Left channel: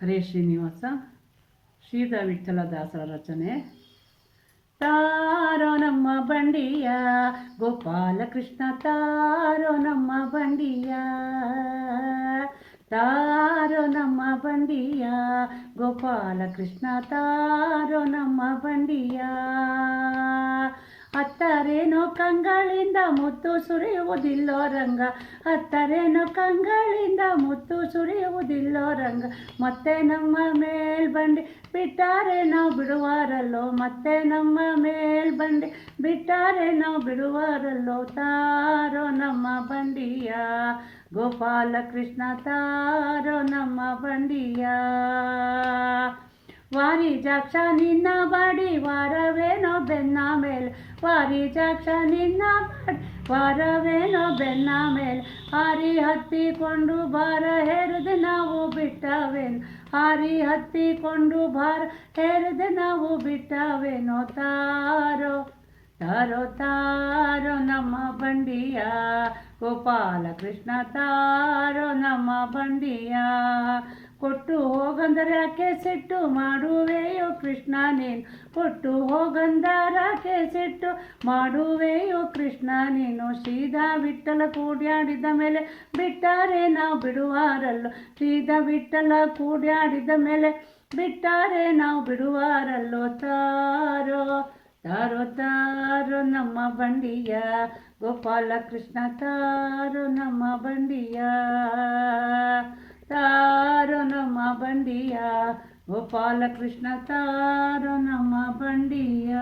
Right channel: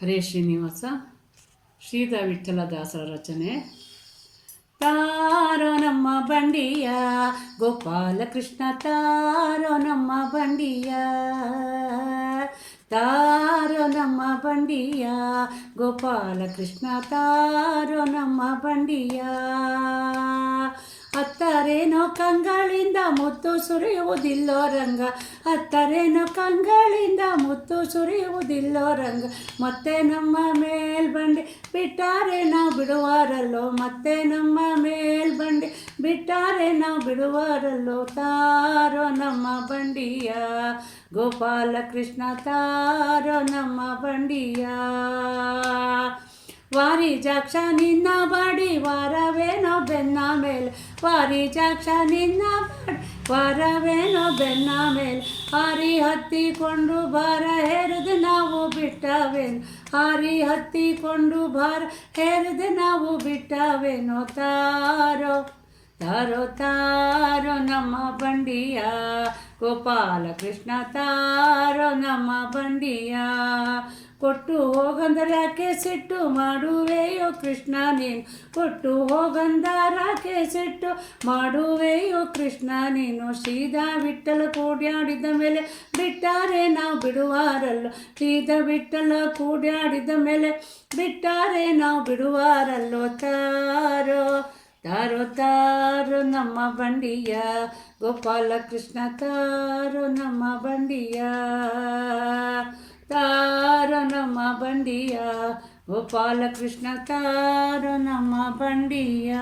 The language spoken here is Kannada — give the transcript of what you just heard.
ಹರೇ ಶ್ರೀನಿವಾಸ ಶ್ರೀಧರ ವಿಠ್ಠಲದಾಸರ ರಚನೆ. ತಾರೋ ನಮ್ಮ ಬಂಡಿಯ ಗೋಪಾಲಕೃಷ್ಣ, ತಾರೋ ನಮ್ಮ ಬಂಡಿಯ, ತಾರೋ ನಮ್ಮ ಬಂಡಿಯ ಗೋಪಾಲಕೃಷ್ಣ, ತಾರೋ ನಮ್ಮ ಬಂಡಿಯ. ಹತ್ತರೇನೋ ಕಂಗಳಿಂದ ಮುತ್ತು ಸುರಿಯುವುದಿಲ್ಲೋ ರಂಗ, ಹತ್ತರೇನೋ ಕಂಗಳಿಂದ ಮುತ್ತು ಸುರಿಯುವುದಿಲ್ಲೋ ರಂಗ. ಮತ್ತೆ ನಮ್ಮ ಮೇಲ್ಬಂಡಿ ಬಿಟ್ಟಾರೆ ನಾವು ಬಿಡುವಾರಲ್ಲೋ, ಮತ್ತೆ ನಮ್ಮ ಮೇಲ್ಬಂಡಿ ಬಿಟ್ಟಾರೆ ನಾವು ಬಿಡುವಾರಲ್ಲೋ. ತಾರೋ ನಮ್ಮ ಬಂಡಿಯ ಗೋಪಾಲಕೃಷ್ಣ, ತಾರೋ ನಮ್ಮ ಬಂಡಿಯ. ವಾರಿಜಾಕ್ಷ ನಿನ್ನ ಬಾಡಿ ವಾರವೇನೋ ಬೆನ್ನ ಮೇಲೆ, ವಾರಿಜಾಕ್ಷ ನಿನ್ನ ಬಾಡಿ ವಾರವೇನೋ ಬೆನ್ನ ಮೇಲೆ. ಹಾರಿ ಹತ್ತಿಕೊಂಡು ಭಾರ ಹೇರದೆ ನಾವು ಬಿಟ್ಟವೇನು, ಹಾರಿ ಹತ್ತಿಕೊಂಡು ಭಾರ ಹೇರದೆ ನಾವು ಬಿಟ್ಟವೇನೋ. ತಾರೋ ತಾರೋ ತಾರೋ ನಮ್ಮ ಬಂಡಿಯ ಗೋಪಾಲಕೃಷ್ಣ, ತಾರೋ ನಮ್ಮ ಬಂಡಿಯ. ಕೊಟ್ಟು ಹೋಗಂದರಕ್ಕೆ ಸಿಟ್ಟು ಮಾಡುವೆಯೋ ಕೃಷ್ಣ ನೀನು, ಕೊಟ್ಟು ಹೋಗಂದರಕ್ಕೆ ಸಿಟ್ಟು ಮಾಡುವೆಯೋ ಕೃಷ್ಣ ನೀನು. ಶ್ರೀಧರ ವಿಠ್ಠಲ ಕೂಡ್ಯಾಡಿದ ಮೇಲೆ ಬಿಟ್ಟಾರೆ ನಾವು ಬಿಡುವಾರಲ್ಲೋ, ಶ್ರೀಧರ ವಿಠ್ಠಲ ಕೂಡ್ಯಾಡಿದ ಮೇಲೆ ಬಿಟ್ಟಾರೆ ನಾವು ಬಿಡುವಾರಲ್ಲೋ. ತಾರೋ ತಾರೋ ತಾರೋ ನಮ್ಮ ಬಂಡಿಯ ಗೋಪಾಲಕೃಷ್ಣ, ತಾರೋ ನಮ್ಮ ಬಂಡಿಯ, ತಾರೋ ನಮ್ಮ ಬಂಡಿಯ ಗೋಪಾಲಕೃಷ್ಣ, ತಾರೋ ನಮ್ಮ ಬಂಡಿಯ.